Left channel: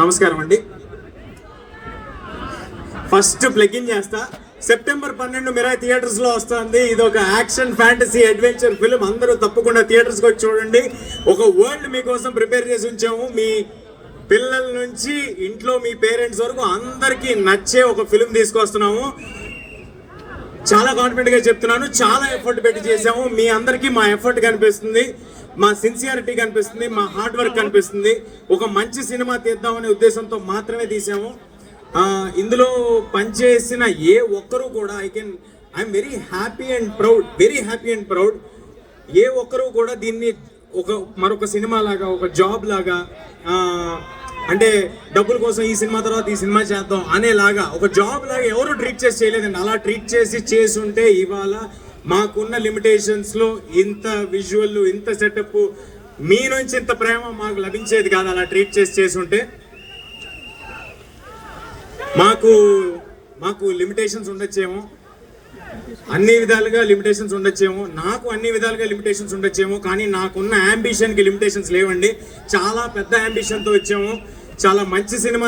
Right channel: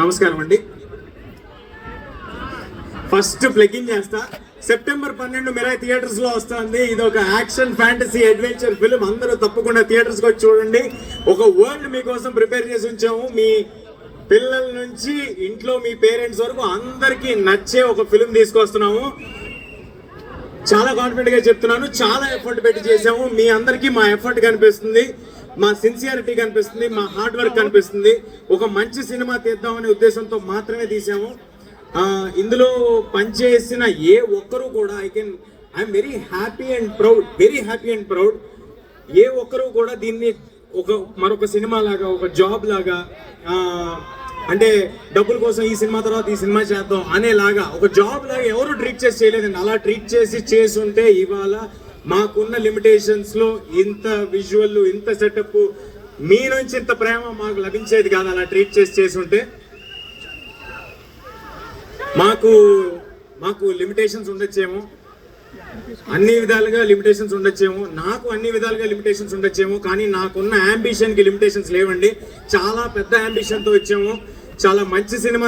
నమస్కారం అండి. First plugin చేస్తా. సెప్టెంబర్ 12 మిరాయి థియేటర్స్ లో వస్తుంది. ఇది ఒక యాక్షన్ ఫ్యాంటసీ అడ్వెంచర్ ఫిల్మ్. అందరూ తప్పకుండా థియేటర్స్ వచ్చి చూడండి. ఒక వరల్డ్ మీకోసం ప్రిపేర్ చేసి ఉంచాము. మీ పిల్లల నుంచి ఇంట్లో మీ పేరెంట్స్ వరకు అందరికీ నచ్చే ఒక ఫిల్మ్ తీసుకొస్తున్నాము. చాలా కాన్ఫిడెంట్ గా చెప్తున్నాను. చాలా ఎఫర్ట్ పెట్టి చేసాము. మీ అందరికీ మా ఎఫర్ట్ కనిపిస్తుంది, మా సిన్సియారిటీ కనిపిస్తుంది, మా హార్డ్ వర్క్ కనిపిస్తుంది. ఒక మంచి సినిమా తీద్దామనే ఉద్దేశంతో మాత్రమే తీసాము. ఇందులో పనిచేసిన ఏ ఒక్కరూ కూడా I'm very happy and proud. ఏ ఒక్కరూ కూడా దీన్ని మరొక సినిమా లాగా, ఒక జాబ్ లాగా, అంటే డబ్బుల కోసం ఈ సినిమా తర్వాత ఈ సినిమా చేద్దాం అనేలాగా ఒక జాబ్ లాగా ఎవరు ట్రీట్ చేసి చేయలేదండి. అలా ట్రీట్ చేసి ఉంటే ఇవాళ మాకున్న లిమిటేషన్స్ లో ఇంత విజువల్, ఇంత సెటప్, మీ నుంచి ఇంత ప్రేమ మాకు లభించేది కాదు. అలా ట్రీట్ చేసి ఉంటే మాకు లిమిటేషన్స్ ఉండొచ్చేమో, అన్ని విధాలుగా లిమిటేషన్స్ ఉండొచ్చేమో, నాకు అన్ని విధాలుగా లిమిటేషన్స్ ఉండొచ్చేమో, కానీ నాకున్న అంబిషన్ కి లిమిటేషన్స్ లేవండి. చాలా పెద్ద అంబిషన్ తో వచ్చాము. చాలా మంచి సినిమా